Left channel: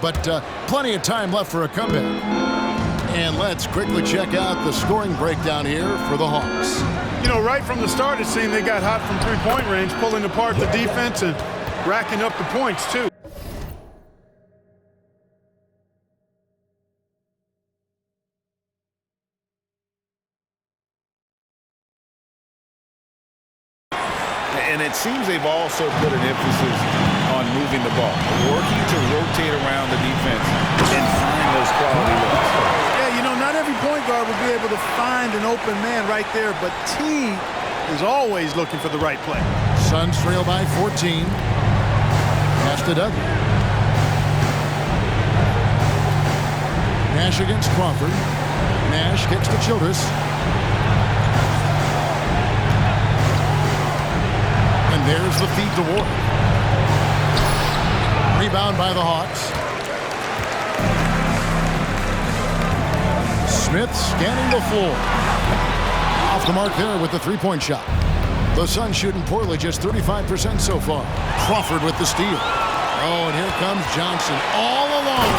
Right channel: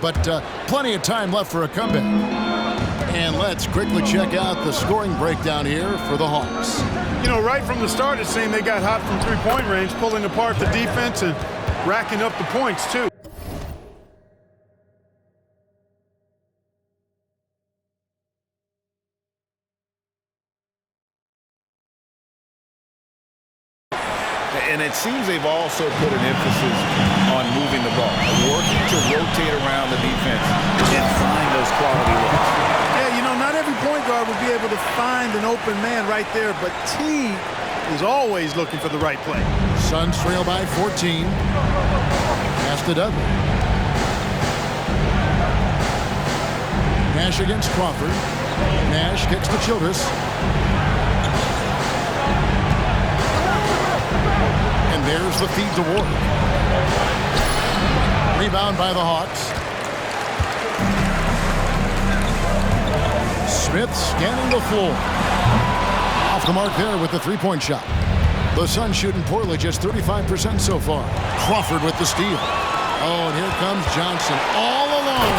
but plenty of time left for a comeback. And let's quickly check out the scoring breakdown here for the Hawks. You know, right from the start, it seemed they got hot from three-point range, pulling apart the defense and racking up the points, too. And it seems they've also put an emphasis on moving the ball, working to rotate around the defense and find those quality looks. Yeah, you know, not every point guard will be able to find an open man right there, but T is always looking for the right play. Suns trail by 14. Pass to Dudley. Nash against Crawford. Nash kicks to Childress. And there's the feed to Ward. Rebound by the Hawks. Smith scanning the floor. Off the mark there with the three-point shot. The Suns shooting poorly, just 35% so far. Crawford with the steal. Oh, and here comes Johnson all alone.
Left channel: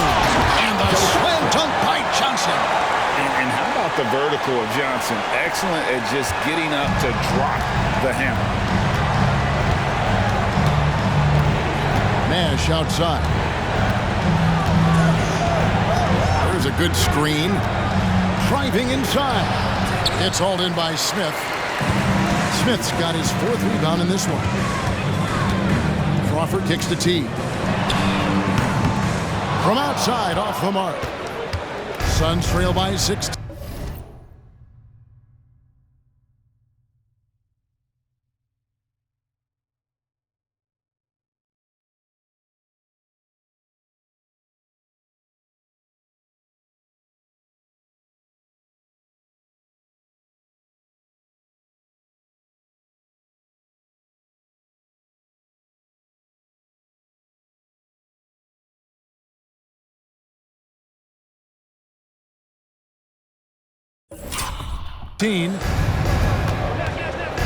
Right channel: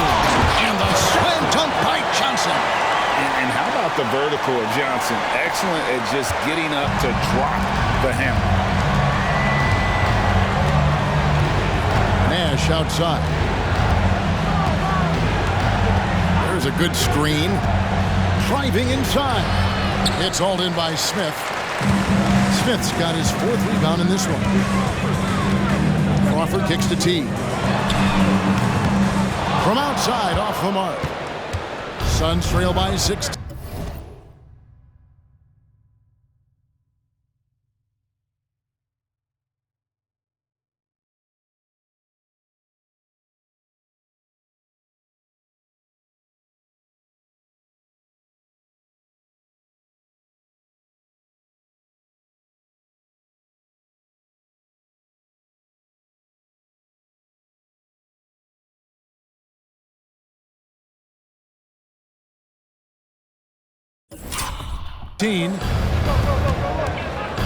And the slam dunk by Johnson. And how about the vertical of Johnson? Excellent at just getting up to drop the hammer. Nash outside. There's a good screen. Driving inside. It's hauled in by Smith. Smith's got his fourth rebound in this one. Crawford kicks to T. From outside, off the mark. Suns trail by 16.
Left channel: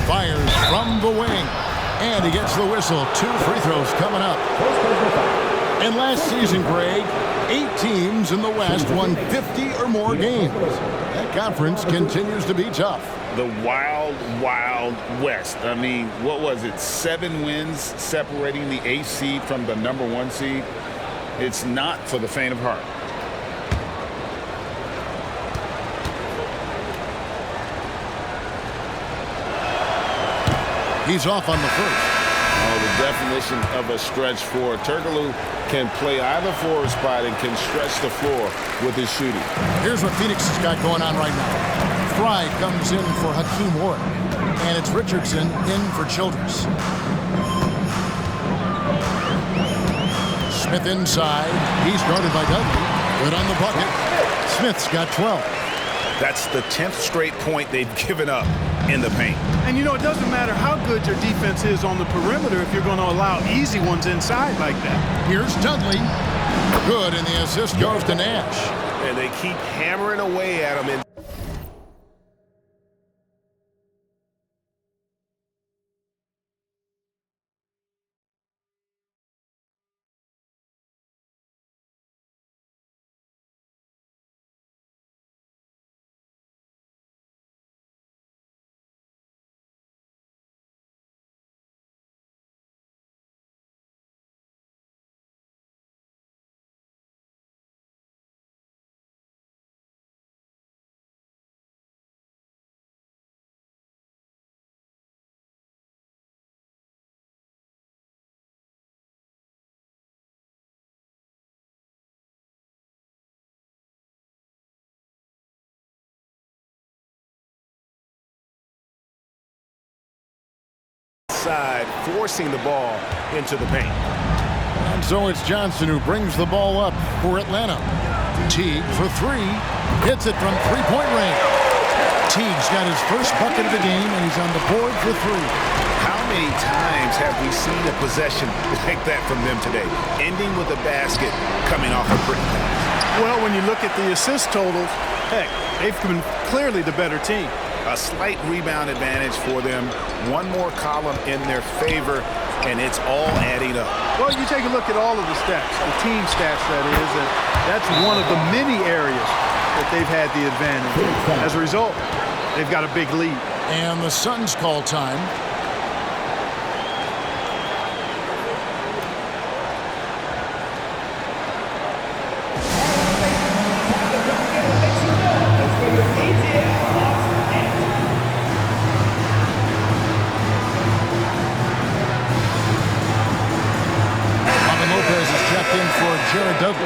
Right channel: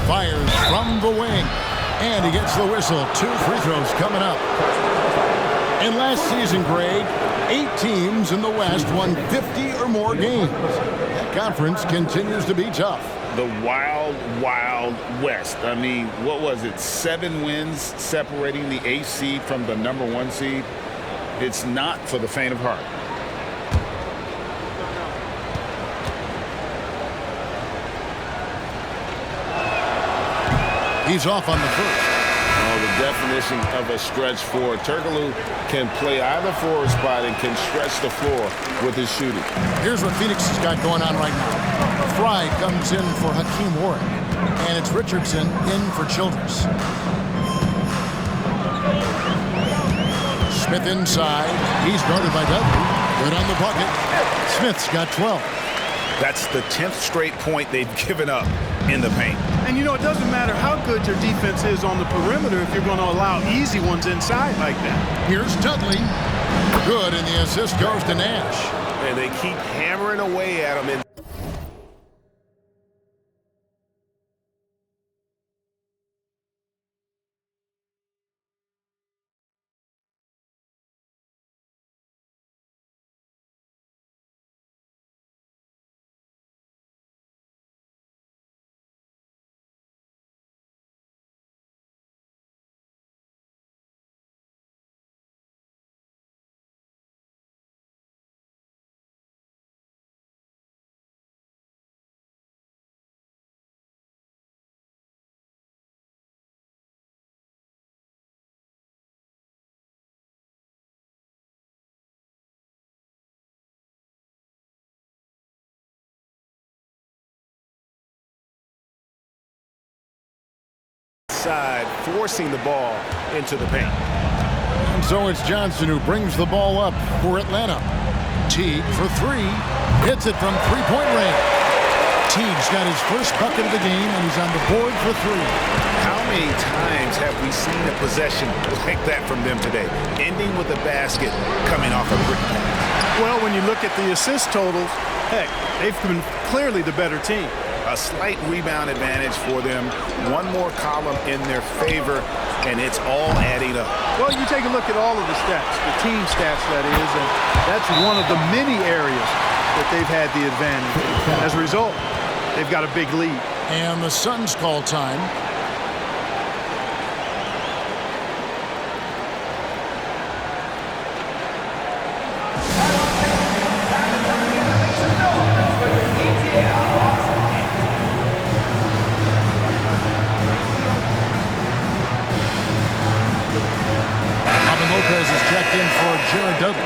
Fires from the wing, and he gets the whistle. 2 free throws coming up. And last season, Greg, 8 teams in the West won 50 or more games. That conference continues to be tough. The wild, wild West. I mean, what was it? 7 wins separating the 8th seed from the number 1 seed. It's not for the faint of heart. He's off on the first. Oh, the definition of a stretch forward. Turkoglu can play either forward spot and can stretch the floor with his shooting. Here's what Phoenix has got going on right now. Fry comes in for Hakeem Ward, and it's Richardson in for Childress. Smith inside. He's guarded by Dudley. Good on the bucket. Smith's got 12. That's the 10th straight point they've given up in the paint. And, you know, it doesn't matter how good your defense is on the perimeter if you're going to allow easy ones inside like that. Here's Dudley. Good, and the assist goes to Nash. And they keep hammering away at him. Side forcing the ball into the paint. And so it's Johnson who brings the ball up for Atlanta. Teague for 3. Hits it from three-point range. Teague's got his first bucket of the game, and he's on the board for 3. How many times have we seen a possession like that from them today, ending with a basket coming off a pretty pass? Well, when you look at the assist totals, heck, they've been clearly the better team. A slight rebound advantage for them. One more column in their favor. and it's all adding up. Well, you take a look at all of the stats, the team stats, that is, and that's one of the many areas that they've had the advantage. As a result, they've got a big lead. And the Suns call time. Lopez is checked in for Jared Dudley.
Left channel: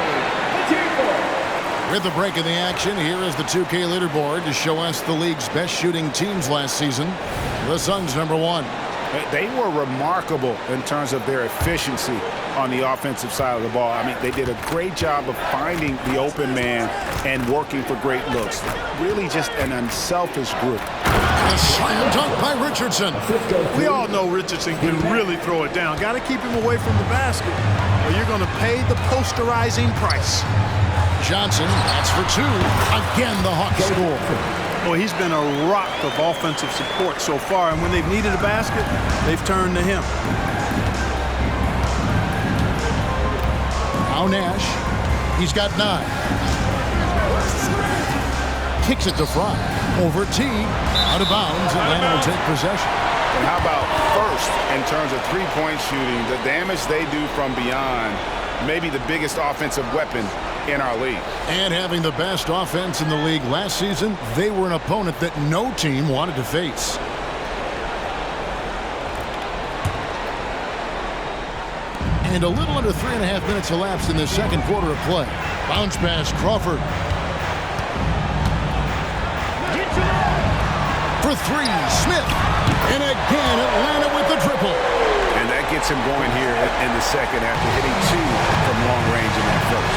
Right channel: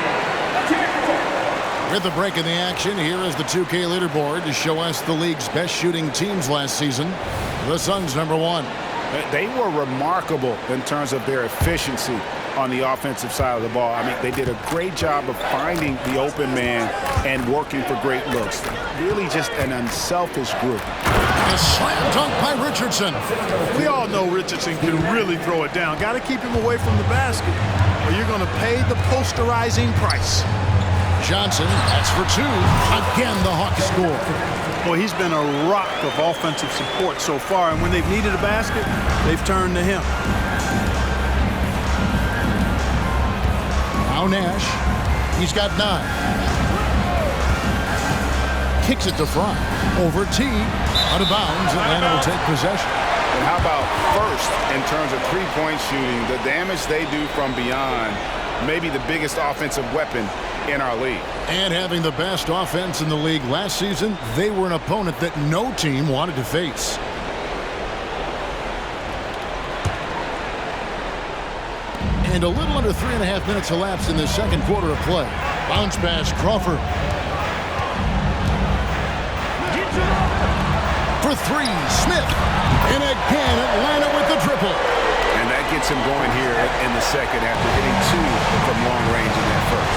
With the break in the action, here is the 2K leaderboard to show us the league's best shooting teams last season. The Suns #1. They were remarkable in terms of their efficiency on the offensive side of the ball. I mean, they did a great job of finding the open man and working for great looks. Really just an unselfish group. A slam dunk by Richardson. We all know Richardson can really throw it down. Got to keep him away from the basket, or you're going to pay the posterizing price. Johnson, that's for 2. Again, the Hawks score. Boy, he's been a rock of offensive support so far, and when they've needed a basket, they've turned to him. Now Nash. He's got 9. Kicks it to Fry. Over Teague. Out of bounds. Atlanta will take possession. And how about first in terms of three-point shooting, the damage they do from beyond, maybe the biggest offensive weapon in our league. And having the best offense in the league last season, they were an opponent that no team wanted to face. And a little under 3.5 minutes elapsed in the second quarter of play. Bounce pass, Crawford. For 3, Smith. And again, Atlanta with the triple. And that gets him going here in the second after hitting 2 from long range in that first.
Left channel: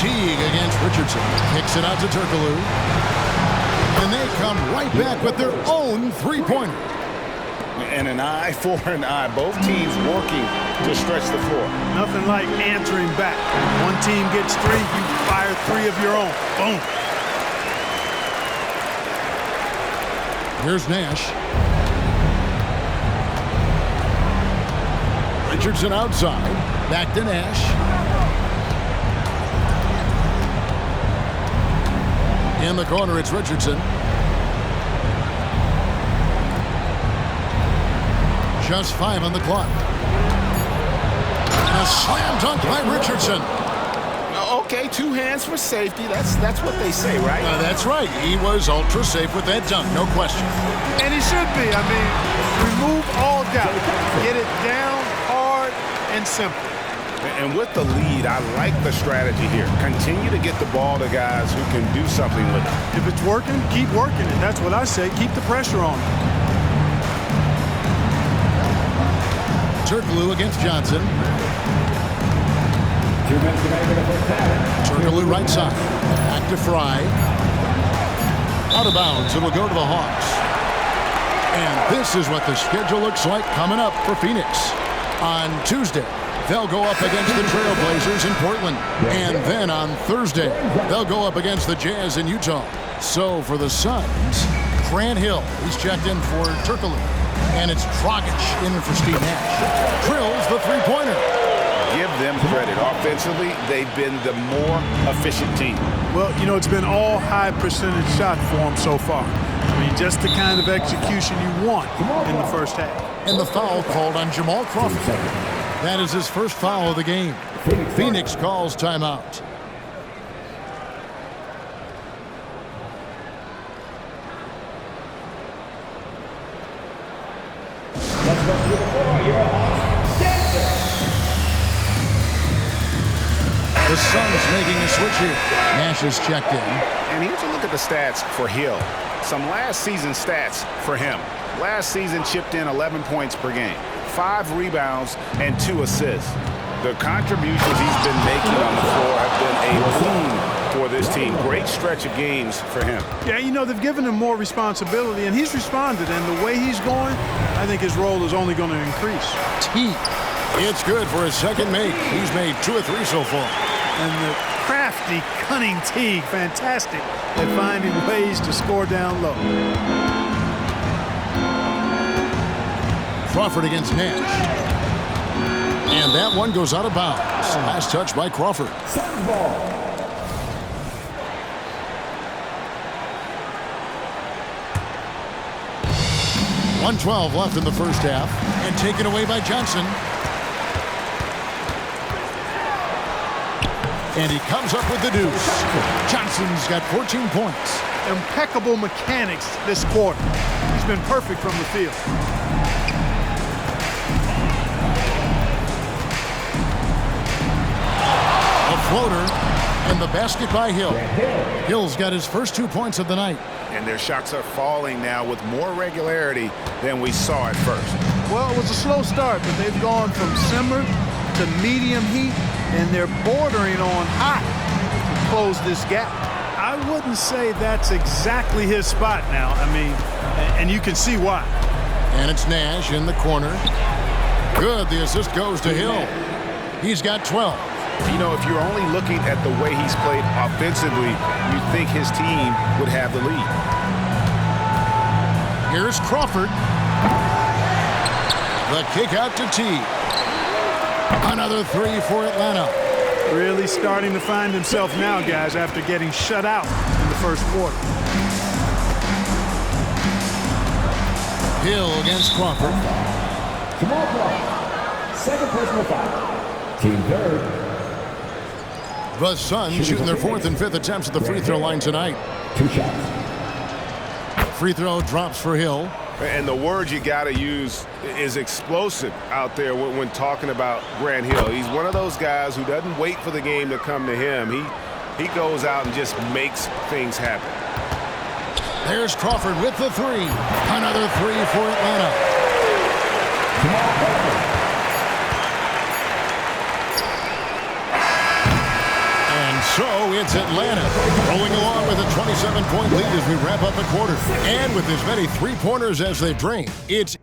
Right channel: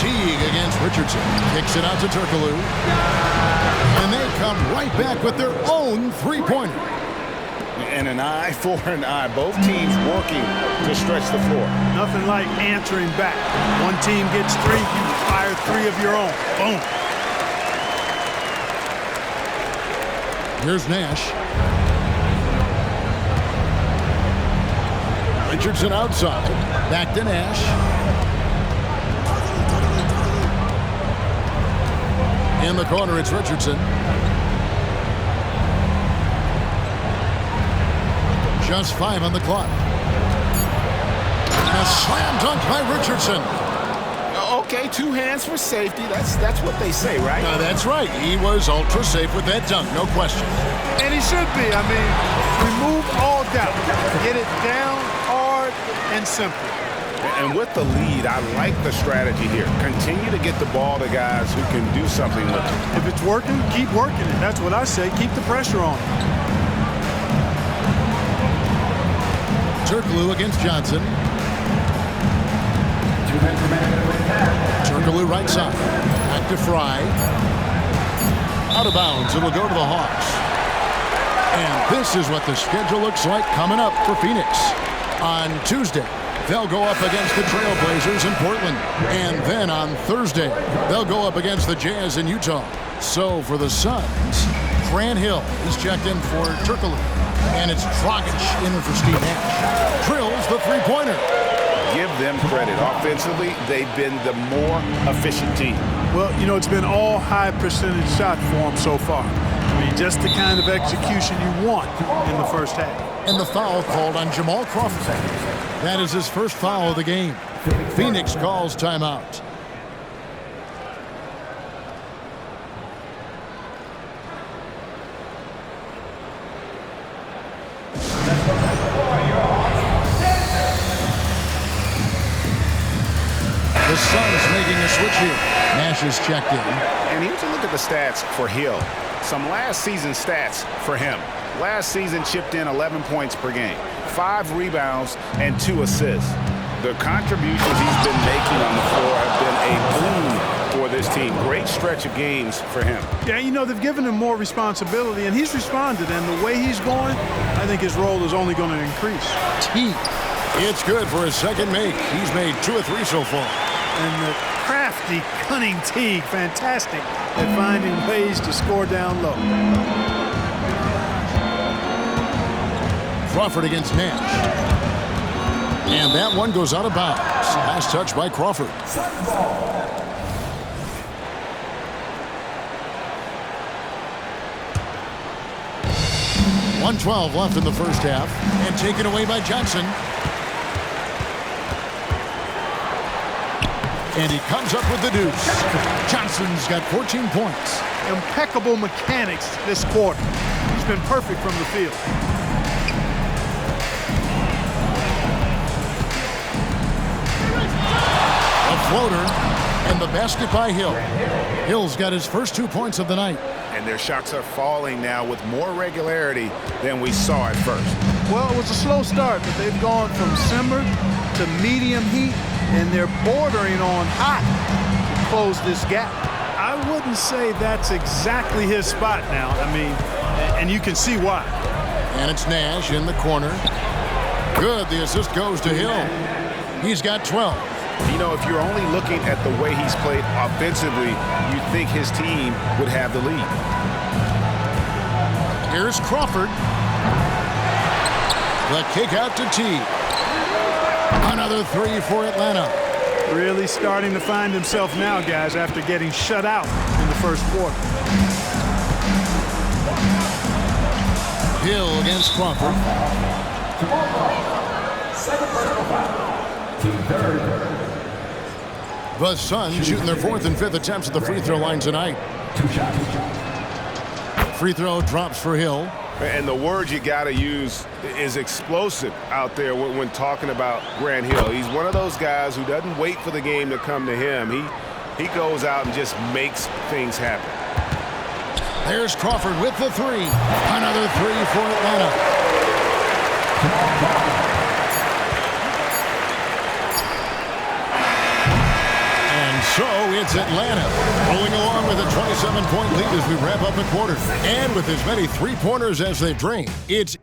Teague against Richardson. Kicks it out to Turkoglu. And they come right back with their own three-pointer. And an eye for an eye. Both teams working to stretch the floor. Nothing like answering back. One team gets 3, you fire 3 of your own. Boom. Here's Nash. Richardson outside. Back to Nash. In the corner, it's Richardson. Just 5 on the clock. And a slam dunk by Richardson. Okay, 2 hands for safety. That's what they say, right? That's right. He was ultra safe with that dunk, no question. And he should be. I mean, remove all doubt. Get it down, hard, and simple. And with the lead, I like the strategy here. Continue to get the ball to guys who can do something with it. If it's working, keep working it. That's what I say. Keep the pressure on it. Turkoglu against Johnson. Turkoglu right side. Back to Fry. Out of bounds. It'll go to the Hawks. And this is what the schedule looks like coming up for Phoenix. On Tuesday, they'll go up against the Trailblazers in Portland. And then on Thursday, they'll go up against the Jazz in Utah. So for the Suns, Grant Hill, he's checked in for Turkoglu. And it's Dragic in for Steve Nash. Drills the three-pointer. Give them credit. Offensively, they've been the more efficient team. Well, you know, it's been all high percentage shot for them so far. I mean, just the kind of execution you want in the first half. And the foul called on Jamal Crawford. That is his first foul of the game. Phoenix calls timeout. The Suns making a switch here. Nash is checked in. And here's a look at the stats for Hill. Some last season stats for him. Last season chipped in 11 points per game, 5 rebounds, and 2 assists. The contributions he's been making on the floor have been a boon for this team. Great stretch of games for him. Yeah, you know, they've given him more responsibility, and he's responded. And the way he's going, I think his role is only going to increase. Teague. It's good for his second make. He's made 2 of 3 so far. And the crafty, cunning Teague, fantastic at finding ways to score down low. Crawford against Nash. And that one goes out of bounds. Last touch by Crawford. 1:12 left in the first half. And taken away by Johnson. And he comes up with the deuce. Johnson's got 14 points. Impeccable mechanics this quarter. He's been perfect from the field. A floater, and the basket by Hill. Hill's got his first 2 points of the night. And their shots are falling now with more regularity than we saw at first. Well, it was a slow start, but they've gone from simmer to medium heat, and they're bordering on hot to close this gap. I wouldn't say that's exactly his spot now. I mean, and you can see why. And it's Nash in the corner. Good, the assist goes to Hill. He's got 12. You know, if you're only looking at the way he's played offensively, you think his team would have the lead. Here's Crawford. The kick out to T. Another three for Atlanta. Really starting to find himself now, guys, after getting shut out in the first quarter. Hill against Crawford. Second personal foul. Team third. The Suns shooting their fourth and fifth attempts at the free throw line tonight. 2 shots. Free throw drops for Hill. And the word you got to use is explosive out there when talking about Grant Hill. He's one of those guys who doesn't wait for the game to come to him. He goes out and just makes things happen. There's Crawford with the three. Another three for Atlanta. And so it's Atlanta rolling along with a 27-point lead as we wrap up the quarter. And with as many three-pointers as they've drained, it's